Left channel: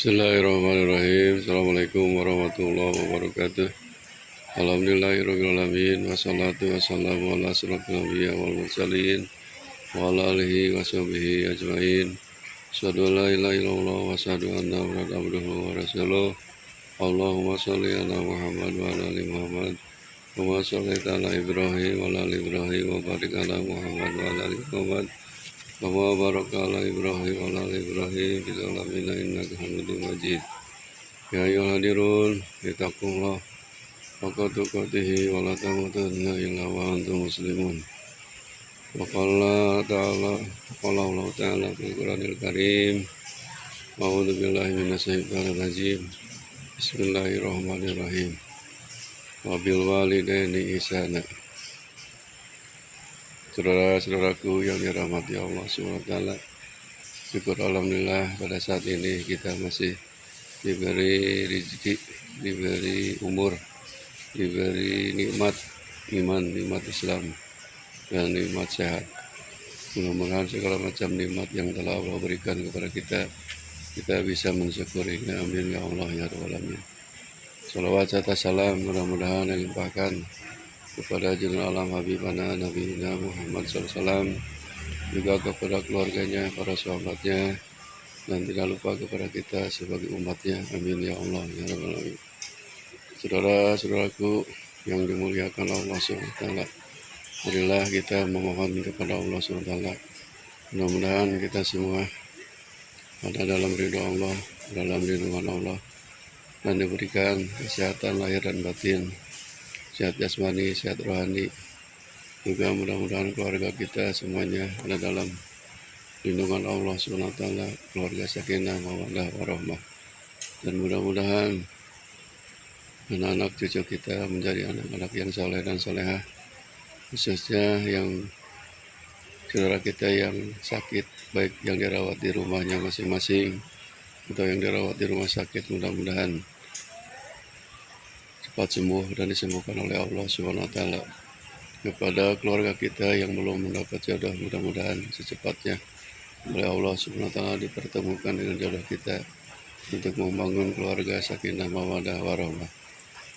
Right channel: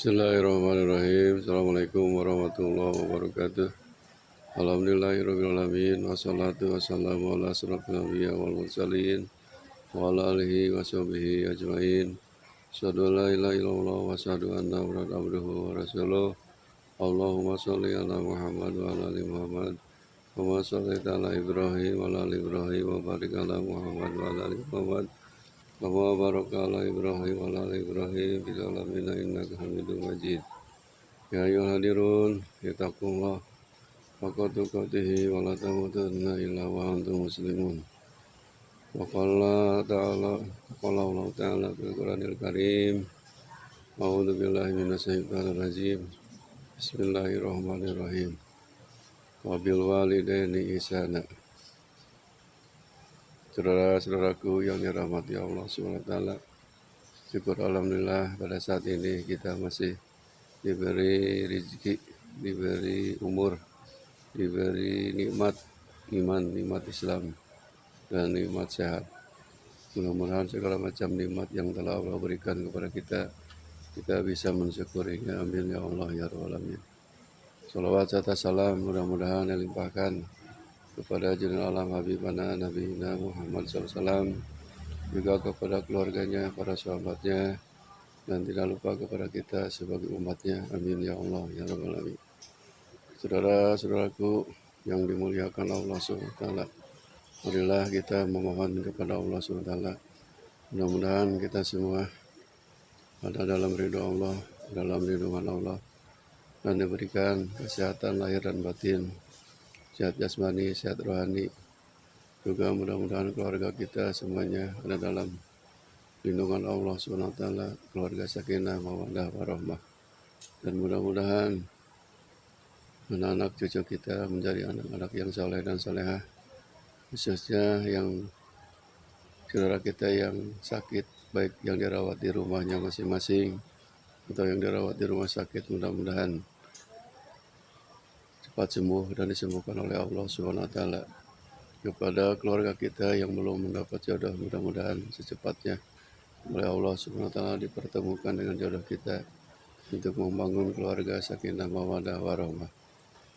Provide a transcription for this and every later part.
Bismillahirrahmanirrahim. Assalamualaikum warahmatullahi wabarakatuh. Alhamdulillahirrahmanirrahim. Wassalatu wassalamu ala asrofil anbiya wal mursalin wa ala alihi wa sahbihi ajmain. Asyhadu an la ilaha illallah wa asyhadu anna Muhammadan abduhu wa rasuluh. Allahumma sholli ala Muhammad wa ala ali Muhammad. Wa shallaita ala Ibrahim wa ala ali Ibrahim wa barik ala Muhammad wa ala ali Muhammad. Wa baraka ala Ibrahim wa ala ali Ibrahim fil alamin innaka Hamidum Majid. Ya ayyuhal hadirun, ittaqullah haqqa tuqatih wa la tamutunna illa wa antum muslimun. Wa qala Allah ta'ala fil Qur'anil Karim. A'udzu billahi minasyaitonir rajim. Bismillahirrahmanirrahim. Wa bil walidaini ihsana. Saudara-saudaraku yang dirahmati Allah SWT, syukur alhamdulillah pada saat ini kita masih diberi rezeki, diberi umur, diberi nikmat iman, nikmat Islam, dan nikmat sehat. Mudah-mudahan segala macam nikmat yang telah Allah berikan kepada kita bisa mensyukurinya. Amin ya Allah ya Rabbal alamin. Salawat serta salam mudah-mudahan dilimpahkan kepada Junjungan Alam Habibana Nabi Muhammad SAW, juga kepada keluarganya, para sahabatnya, dan tidak lupa kepada kita sebagai umatnya. Amin ya Allah ya Rabbal alamin. Saudara-saudaraku yang dimuliakan Allah SWT, marilah kita memohon kepada Allah SWT. Mudah-mudahan kita semua ada dalam ridho Allah, dalam lindungan Allah, dan diberikan kesehatan lahir dan batin, sehat jasmani, sehat rohani. Juga mudah-mudahan keluarga kita semuanya ada dalam lindungan Allah SWT, keluarga sakinah, mawaddah, warahmah. Dan mudah-mudahan anak-anak cucu kita menjadi anak-anak yang soleh dan solehah, khususnya yang saudara kita yang sakit, baik yang dirawat di rumahnya masing-masing atau yang dirawat di rumah sakit, mudah-mudahan cepat sembuh dan disembuhkan oleh Allah SWT. Kepada keluarga kita yang belum mendapat jodoh, mudah-mudahan secepatnya oleh Allah SWT dipertemukan dengan jodoh kita untuk membangun keluarga sakinah, mawaddah, warahmah.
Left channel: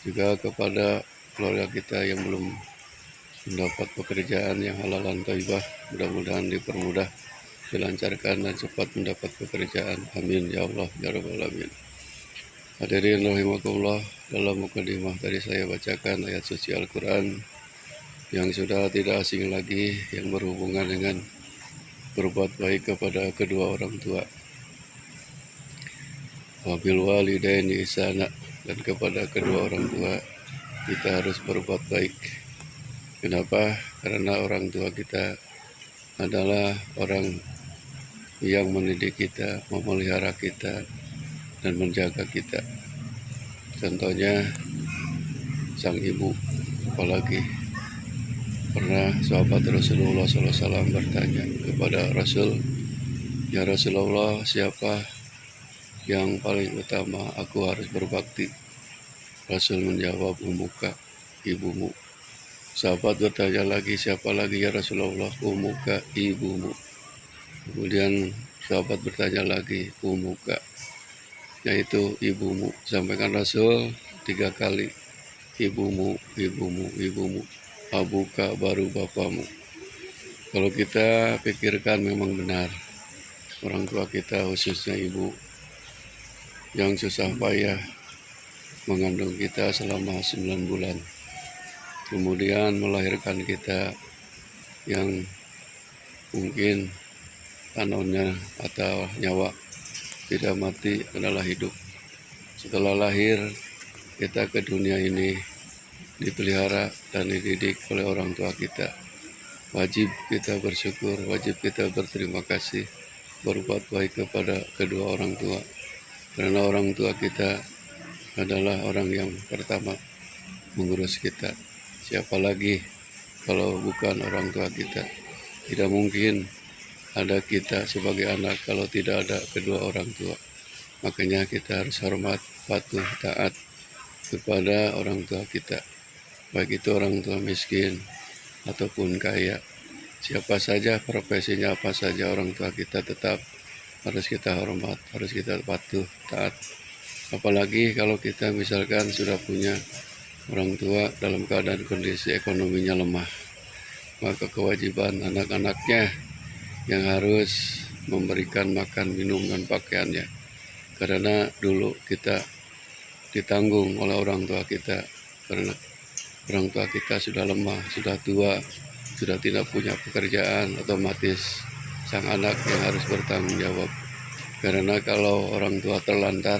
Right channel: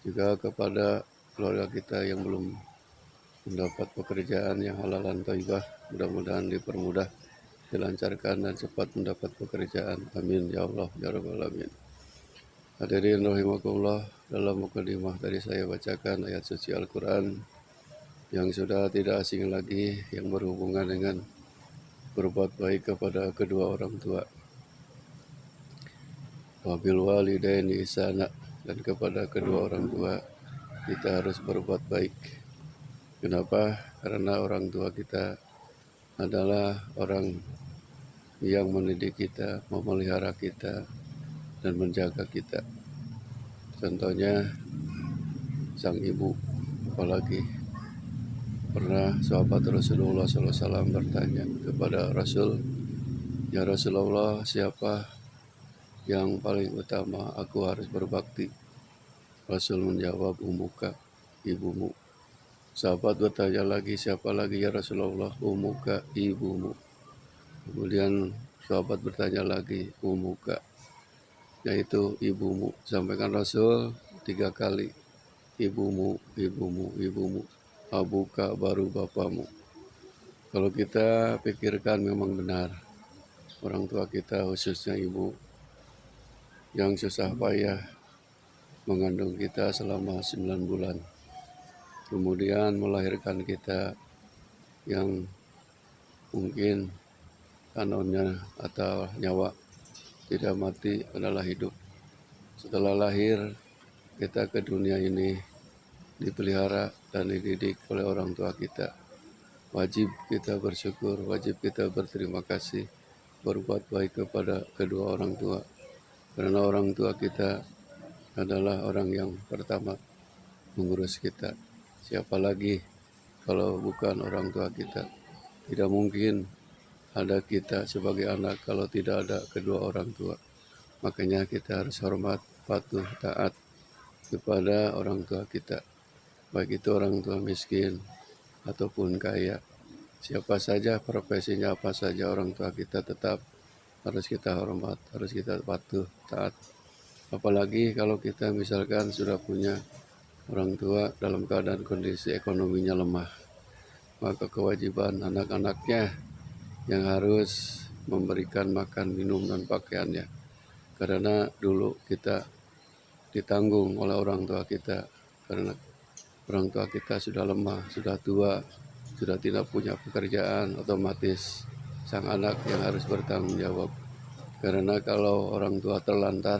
Juga kepada keluarga kita yang belum mendapat pekerjaan yang halal dan thayyibah, mudah-mudahan dipermudah, dilancarkan, dan cepat mendapat pekerjaan. Amin ya Allah ya Rabbal alamin. Hadirin rahimakumullah, dalam mukadimah tadi saya bacakan ayat suci Al-Quran yang sudah tidak asing lagi, yang berhubungan dengan berbuat baik kepada kedua orang tua. Wabil walidaini ihsana, dan kepada kedua orang tua kita harus berbuat baik. Kenapa? Karena orang tua kita adalah orang yang mendidik kita, memelihara kita, dan menjaga kita. Contohnya sang ibu, apalagi pernah sahabat Rasulullah SAW bertanya kepada Rasul, ya Rasulullah, siapa yang paling utama aku harus berbakti? Rasul menjawab, ummuka, ibumu. Sahabat bertanya lagi, siapa lagi ya Rasulullah? Ummuka, ibumu. Kemudian sahabat bertanya lagi, ummuka, yaitu ibumu. Sampaikan Rasul 3 kali, ibumu, ibumu, ibumu. Abuka, baru bapamu. Kalau kita pikirkan memang benar, orang tua kita khususnya ibu yang susah payah mengandung kita selama 9 bulan, kemudian melahirkan kita yang mungkin anonnya atau nyawa tidak mati adalah hidup. Setelah lahir kita ke dunia ini dipelihara dan dididik oleh orang tua kita. Wajib kita bersyukur, wajib kita berterima kasih, berbuat baik kepada kedua orang tua, karena orang tua kita adalah orang yang pertama mengurus kita. Siapa lagi kalau bukan orang tua kita? Tidak mungkin ada kita sebagai anak kalau tidak ada kedua orang tua. Makanya kita harus hormat, patuh, taat kepada orang tua kita, baik itu orang tua miskin ataupun kaya. Siapa saja, profesinya apa saja, orang tua kita tetap harus kita hormat, harus kita patuh, taat. Apalagi kalau kita misalkan sudah punya orang tua dalam keadaan kondisi ekonominya lemah, maka kewajiban anak-anaknya yang harus memberikan makan, minum, dan pakaiannya. Karena dulu kita ditanggung oleh orang tua kita, karena orang tua kita sudah lemah, sudah tua, sudah tidak punya pekerjaan, otomatis sang anak yang harus bertanggung jawab. Karena kalau orang tua terlantar,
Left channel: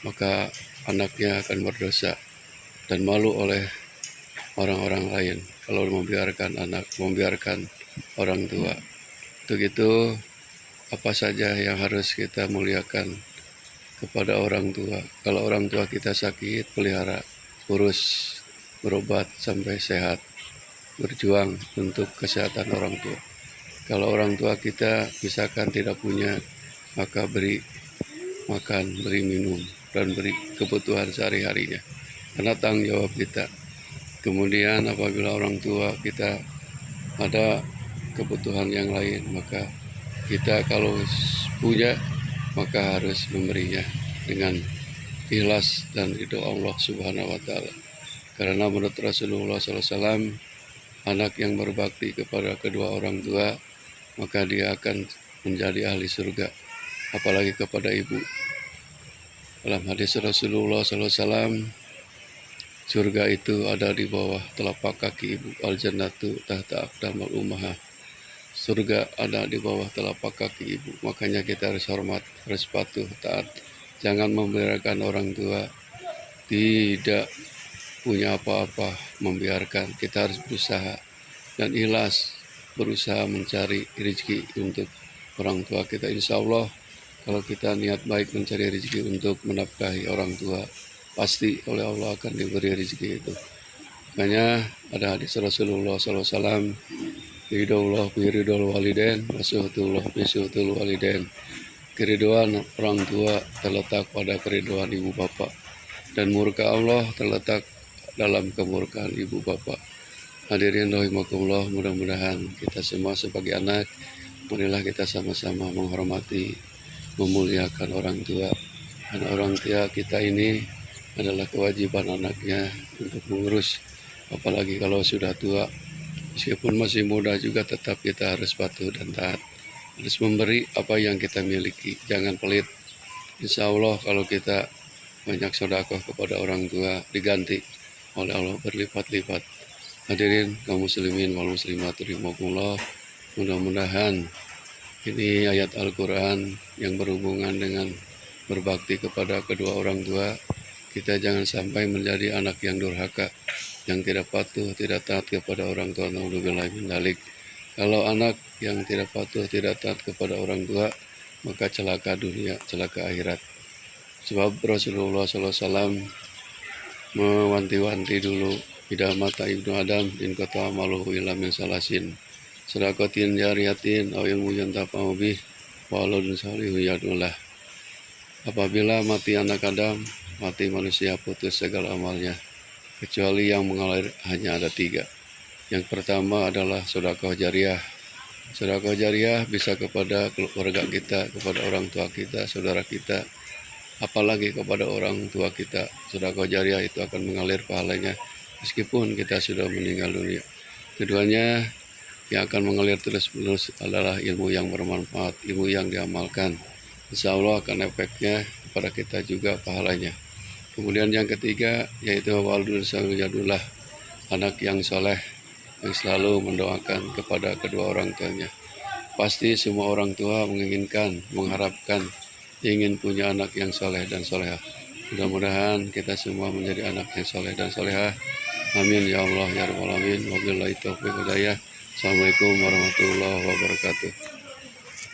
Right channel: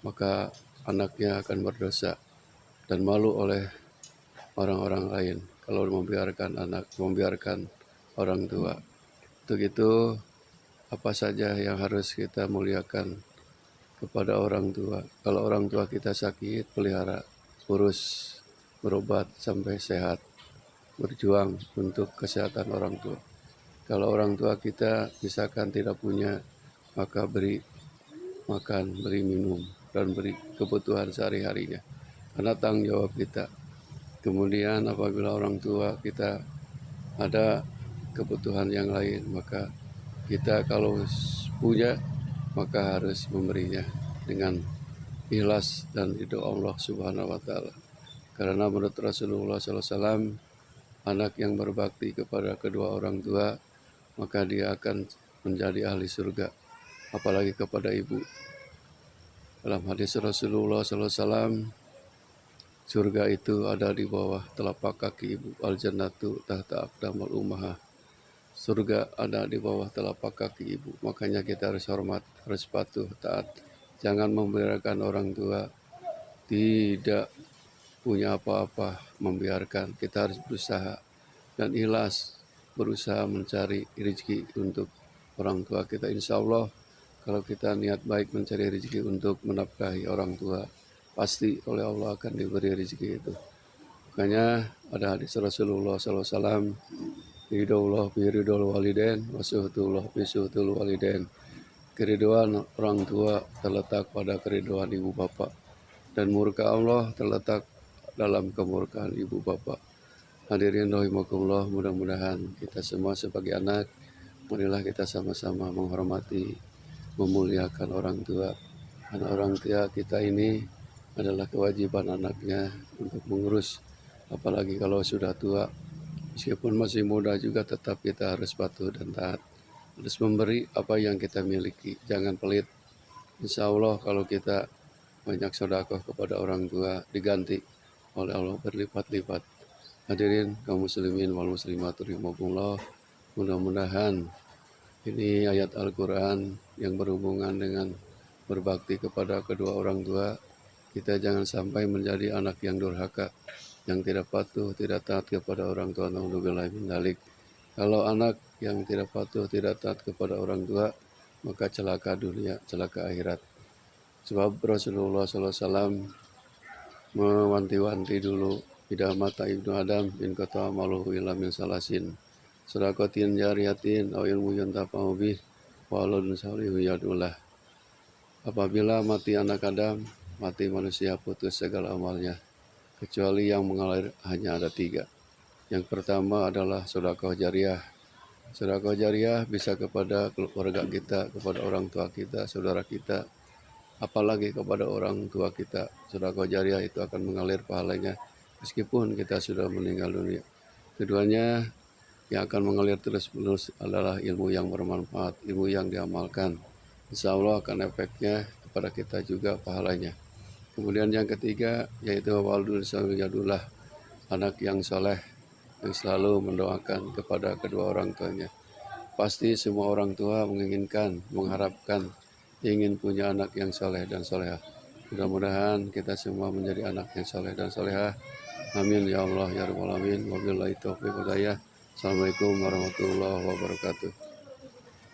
maka anaknya akan berdosa dan malu oleh orang-orang lain kalau membiarkan orang tua. Untuk itu, apa saja yang harus kita muliakan kepada orang tua. Kalau orang tua kita sakit, pelihara, urus, berobat sampai sehat, berjuang untuk kesehatan orang tua. Kalau orang tua kita misalkan tidak punya, maka beri makan, beri minum, dan beri kebutuhan sehari-harinya. Karena tanggung jawab kita. Kemudian apabila orang tua kita ada kebutuhan yang lain, maka kita kalau punya, maka harus memberinya dengan ikhlas dan ridho Allah Subhanahu wa Ta'ala. Karena menurut Rasulullah SAW, anak yang berbakti kepada kedua orang tua, maka dia akan menjadi ahli surga, apalagi kepada ibu. Dalam hadis Rasulullah SAW, surga itu ada di bawah telapak kaki ibu. Al-jannatu tahta aqdamul ummahat. Surga ada di bawah telapak kaki ibu. Makanya kita harus hormat, harus patuh, taat. Jangan membiarkan orang tua tidak punya apa-apa, membiarkan. Kita harus berusaha dan ikhlas, berusaha mencari rezeki untuk orang tua kita. Insya Allah, kalau kita niat baik mencari rezeki untuk menafkahi orang tua, pasti oleh Allah akan diberi rezeki itu. Makanya ada hadis Rasulullah SAW, ridhoullah bi ridhol walidain, wasuhutullah bi suhutul walidain. Keriduan orang tua terletak pada keriduan ibu bapak, dan murka Allah terletak dalam kemurkaan ibu bapak. Hadirin rahimakumullah, mudah-mudahan kita semua sebagai anak, marilah kita sama-sama menghormati, memuliakan orang tua. Karena orang tua kita ini adalah kewajiban anaknya untuk mengurus, apalagi kalau sudah tua. Meskipun masih muda juga tetap kita harus patuh dan taat, harus memberi apa yang kita miliki, jangan pelit. Insya Allah kalau kita banyak sedekah kepada orang tua, diganti oleh Allah berlipat-lipat. Hadirin kaum muslimin wal muslimat rahimakumullah, mudah-mudahan ini ayat Al-Quran yang berhubungan dengan berbakti kepada kedua orang tua. Kita jangan sampai menjadi anak yang durhaka, yang tidak patuh, tidak taat kepada orang tua. Naudzubillah min dzalik. Kalau anak yang tidak patuh, tidak taat kepada orang tua, maka celaka dunia, celaka akhirat. Sebab Rasulullah SAW mewanti-wanti dulu, ida mata ibnu Adam in kata maluhu ila min salasin, sedekatin jariyatin aw ilmu yantafa'u bih wa aladun salihu yadullah. Apabila mati anak Adam, mati manusia, putus segala amalnya, kecuali yang mengalir hanya ada 3. Yang pertama adalah sedekah jariah. Sedekah jariah bisa kepada keluarga kita, kepada orang tua kita, saudara kita, apalagi kepada orang tua kita. Sedekah jariah itu akan mengalir pahalanya meskipun kita sudah meninggal dunia. Keduanya yang akan mengalir terus-menerus adalah ilmu yang bermanfaat, ilmu yang diamalkan. Insya Allah akan efeknya kepada kita juga pahalanya. Kemudian yang ketiga yaitu waladun salihullah, anak yang soleh yang selalu mendoakan kepada kedua orang tuanya. Pasti semua orang tua menginginkan, mengharapkan, ingin punya anak yang soleh dan solehah. Mudah-mudahan kita semua menjadi anak yang soleh dan solehah. Amin ya Allah ya rabbal alamin. Wabillahi taufiq wal hidayah. Assalamualaikum warahmatullahi wabarakatuh.